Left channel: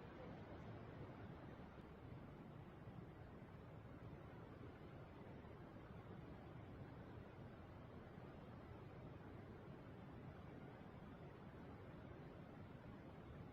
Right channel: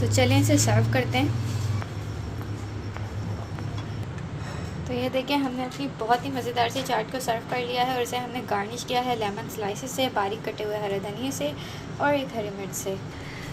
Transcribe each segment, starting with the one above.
तो चलें इसे सर्व करते हैं। तो ये देखिए हमने अपनी बहुत ही मज़ेदार सी चाट को सर्व कर लिया है और इसे हमने गार्निश किया है लेमन स्लाइसेस से, बारीक कटे हुए हरे धनिए से और एक हरी मिर्च से।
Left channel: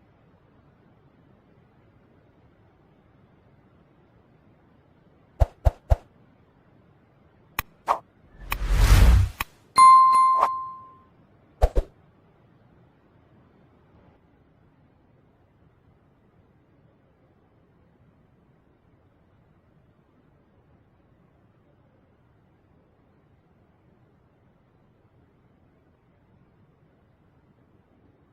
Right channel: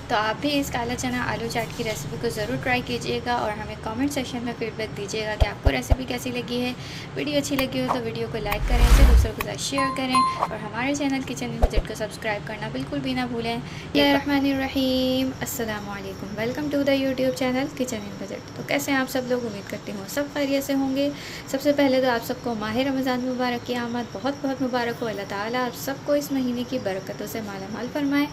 तो आप भी इस काला चना आलू चाट की रेसिपी को ज़रूर ट्राई कीजिएगा और हमें कमेंट सेक्शन में फीडबैक दीजिएगा कि आपको रेसिपी कैसी लगी है। वीडियो अच्छी लगी हो तो वीडियो को लाइक करें, तो दूसरों के साथ शेयर करें और हमारे चैनल किचन इन बजट को सब्सक्राइब करना बिल्कुल भी ना भूलें। बिस्मिल्लाहिर्रहमानिर्रहीम, अस्सलाम वालेकुम, welcome to the YouTube channel kitchen in budget. तो कैसे हैं आप सब लोग? उम्मीद करती हूँ सब खैरियत से होंगे। सबसे पहले तो आप सबको माह रमज़ान मुबारक की आमद बहुत बहुत मुबारक हो। अल्लाह ताला आप सबको इस महीने की बरकतों से माला माल फरमाए।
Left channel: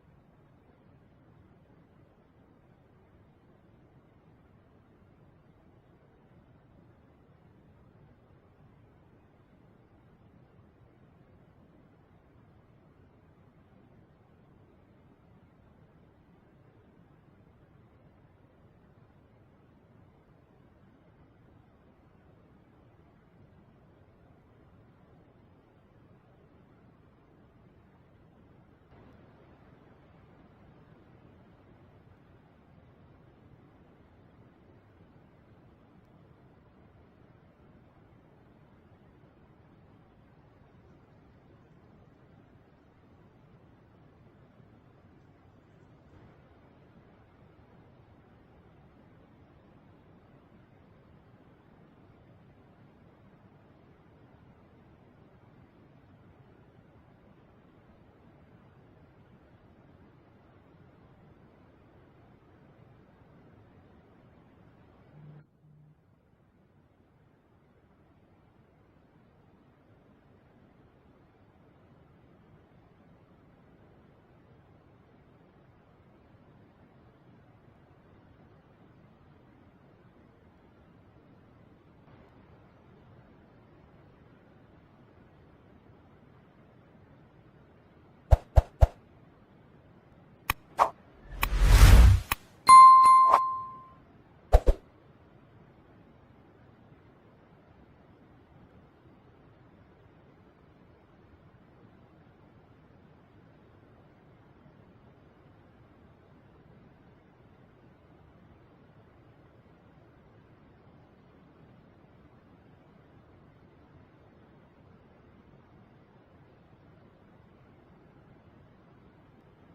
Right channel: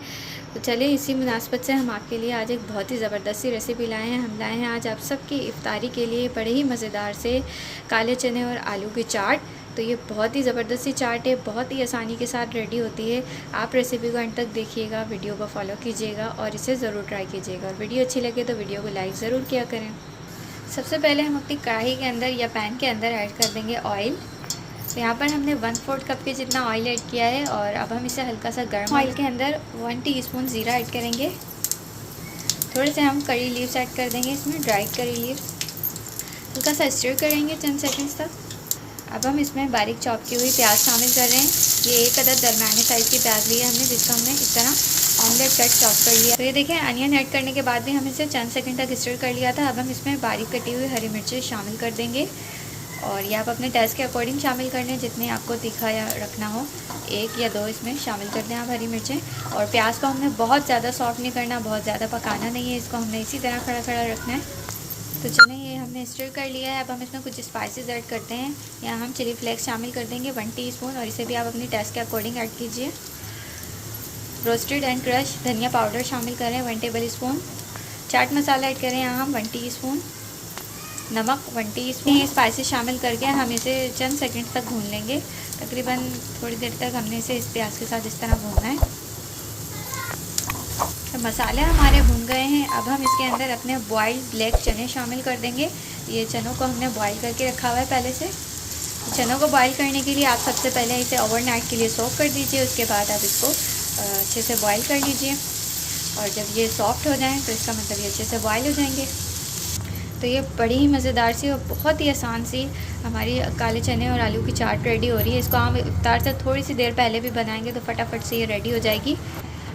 तो चलिए इसी मुनासबत से हम आपके लिए आज एक बहुत ही ज़बरदस्त सी रेसिपी लाए हैं। हम लाए हैं आज आप सबकी इफ्तारी के लिए बड़े ही मज़ेदार से काले चने और आलू की चाट। तो ये बहुत ही ज़बरदस्त सी चाट है, बहुत ही आसानी के साथ रेडी होती है। आप रेसिपी को अंत तक देखिएगा, वीडियो को फॉलो कीजिएगा और इसे ज़रूर ट्राई कीजिएगा। और वीडियो अच्छी लगे तो वीडियो को लाइक ज़रूर किया करें। सबसे पहले हम अपनी कढ़ाई के अंदर या पैन के अंदर ऐड कर देंगे ऑयल। तो यहाँ पर हमने 1/4 कप के जितना ऑयल ऐड किया है और अब हम इसे हल्का सा गर्म ऑयल के अंदर 1 टीस्पून ज़ीरा ऐड करेंगे। थोड़े से हम करी लीव्स ऐड कर देंगे, इसमें ड्राइड करी लीव्स। हल्का सा स्टर करेंगे चंद सेकंड्स तक। अब हम इसमें बारीक चॉप की हुई प्याज शामिल कर रहे हैं। ये एक अदद दरमियाने साइज़ की प्याज ली है हमने, जिसको हमने इस तरह ऑमलेट कट चॉप कर लिया। तो ये देखें अनियन ऐड करने के बाद भी हम इसे चंद सेकंड तक स्टर कर लिया था। अब हम इसमें बारीक कटी हुई हरी मिर्चें शामिल कर देंगे और ये आप अपने टेस्ट के अकॉर्डिंग शामिल कर लें, जितनी आपको तीखा या रखना हो। 1 या 2 इसमें शामिल कर दें आप हरी मिर्चें। और प्याज को हमने बहुत ज़्यादा सॉफ्ट नहीं करना, बहुत ज़्यादा पकाना नहीं है, इसको हमने इसी तरह खड़ा खड़ा रखना है। तो चलें ये हमने स्टर कर लिया है। अब हम इसमें कुछ स्पाइसेस ऐड करते हैं। यहाँ हम चिली फ्लेक्स शामिल कर देंगे 1 टीस्पून और इसे भी आप अपनी टेस्ट के अकॉर्डिंग ऐड कीजिए। रोस्टेड एंड क्रश धनिया पाउडर शामिल करें 1 table spoon. Chaat masala add करें यहाँ हम 1 टीस्पून। नमक 1 टीस्पून। ये स्पाइसेस शामिल करके हम इसे चंद सेकंड तक भून लेंगे। तकरीबन थोड़ी देर तक हमने इसे इस प्याज के साथ इस तरह भूनना है। तो मसाले हमारे भून गए हैं। अब हम इसके अंदर अपने बॉइल्ड ब्लैक चने शामिल कर देंगे। ये चनों को हमने बॉईल करके रखा हुआ है पहले से। चनों को बॉईल करने के लिए आप सबसे पहले इसे ओवरनाइट के लिए सोक कर दीजिए। उसके बाद आप इसको अच्छे से बॉईल कर लीजिए और जब ये सॉफ्ट हो जाएं तो इसका मतलब ये अच्छे से बॉईल हो जाएंगे। तो ये बड़ी ही मज़ेदार सी और बहुत ही आसान सी हमारी काले चने और आलू की चाट रेडी हो रही है। इसको हम इफ्तार से थोड़ी सी देर पहले भी बनाएंगे तो फटाफट से ये रेडी हो जाएगी।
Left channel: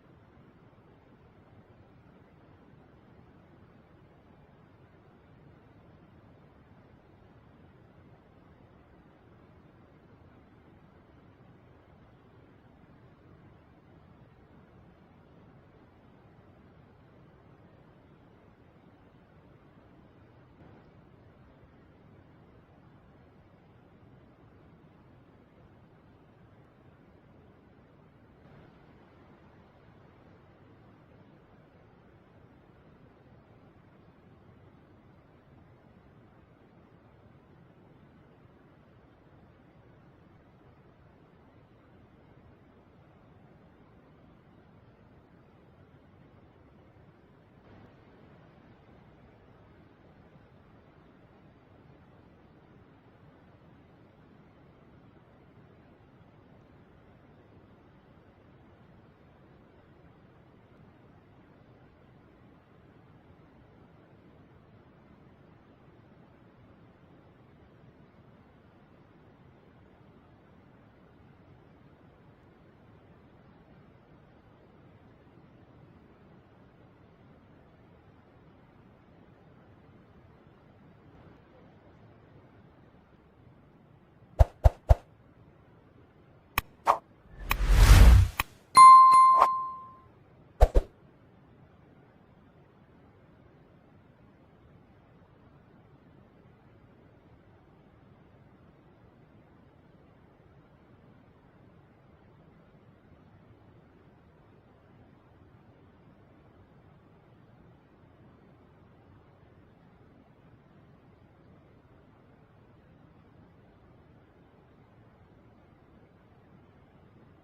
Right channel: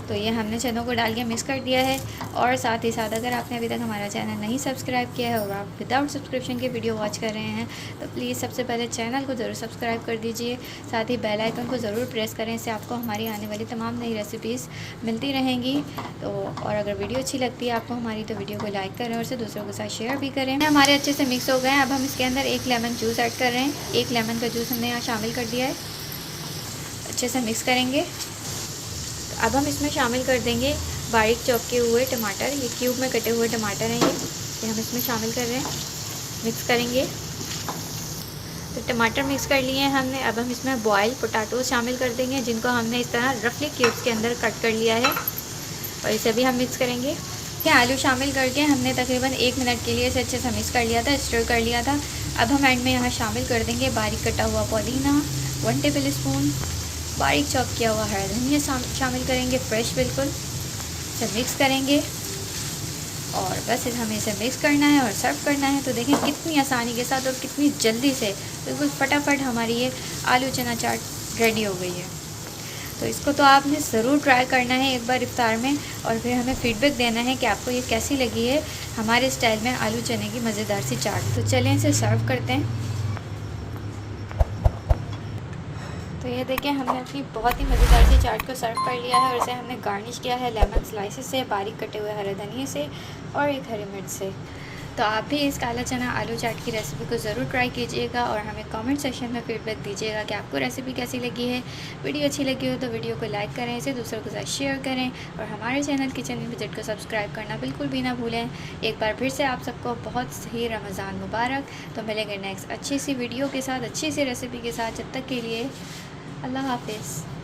तो ये हमने चनों को डाल के मिक्स कर दिया है। और साथ ही साथ अगर आपने अभी तक हमारा चैनल नहीं सब्सक्राइब किया है और आप विदाउट सब्सक्रिप्शन के वीडियो वॉच कर रहे हैं तो प्लीज़ सबसे पहले चैनल को ज़रूर सब्सक्राइब कर दीजिए। साथ ही बेल आइकन को ज़रूर प्रेस करें, इससे आपको हमारी आने वाली तमाम नई रेसिपीज़ मिलती रहेंगी। तो और अगर वीडियो अच्छी लगती है आपको हमारी तो वीडियो को लाइक करें और इसे दूसरों के साथ शेयर भी करें। हमारे अच्छे से मिक्स हो गए हैं। अब हम इसके अंदर 1 लेमन जूस ऐड कर रहे हैं। 1 लेमन का जूस हमने यहाँ शामिल कर दिया है। अच्छे से मिक्स करेंगे। अब हम इसमें शामिल कर देंगे बारीक चॉप किए हुए टमाटर। ये क्यूब में कटे हुए टमाटर हैं ये हम इसमें शामिल कर रहे हैं। मिक्स करेंगे। तो टमाटर मिक्स कर लिए हैं हमने। अब हम इसमें बॉयल पोटैटो शामिल कर देंगे, जिनको हमने इस तरह रफली क्यूब्स के अंदर कट कर लिया है और इसे भी हम मिक्स करेंगे। आलू शामिल करके हमने तकरीबन 1 मिनट के लिए इसे अच्छे से मिक्स कर लिया था, स्टर कर लिया था। अब हम एंड में यहाँ शामिल कर देंगे बारीक कटा हुआ पुदीना 1 टेबल स्पून। बारीक चॉप किया हुआ हरा धनिया शामिल करेंगे, फ्रेश बिल्कुल। इसे मिक्स करेंगे और बस हमें इसे मिक्स करना है और सर्व करना है। तो देखें कितनी आसानी के साथ और कितनी जल्दी से बिल्कुल फटाफट हमारी ये आलू चना चाट रेडी हो गई है। तो इसको तो आपने ज़रूर ट्राई करना है एक बार इफ्तार में और फिर हमें फ़ीडबैक देना है कि आपको ये कैसी लगी है हमारे स्टाइल में आलू चने की मज़ेदार सी चाट। तो चलें इसे सर्व करते हैं। तो ये देखें हमने अपनी बहुत ही मज़ेदार सी चाट को सर्व कर लिया है और इसे हमने गार्निश किया है लेमन स्लाइसेस से, बारीक कटे हुए हरे धनिए से और एक हरी मिर्च से। तो आप भी इस काला चना आलू चाट की रेसिपी को ज़रूर ट्राई कीजिएगा और हमें कमेंट सेक्शन में फीडबैक दीजिएगा कि आपको रेसिपी कैसी लगी है। वीडियो अच्छी लगी हो तो वीडियो को लाइक करें, इसे दूसरों के साथ शेयर करें और हमारे चैनल किचन इन बजट को सब्सक्राइब करना बिल्कुल भी ना भूलें। एक बार फिर से आप सबको बहुत ही रमज़ान मुबारक। तो मिलेंगे नेक्स्ट अच्छी सी वीडियो के साथ, अच्छी सी रेसिपी के साथ। जब तक के लिए अल्लाह हाफिज़।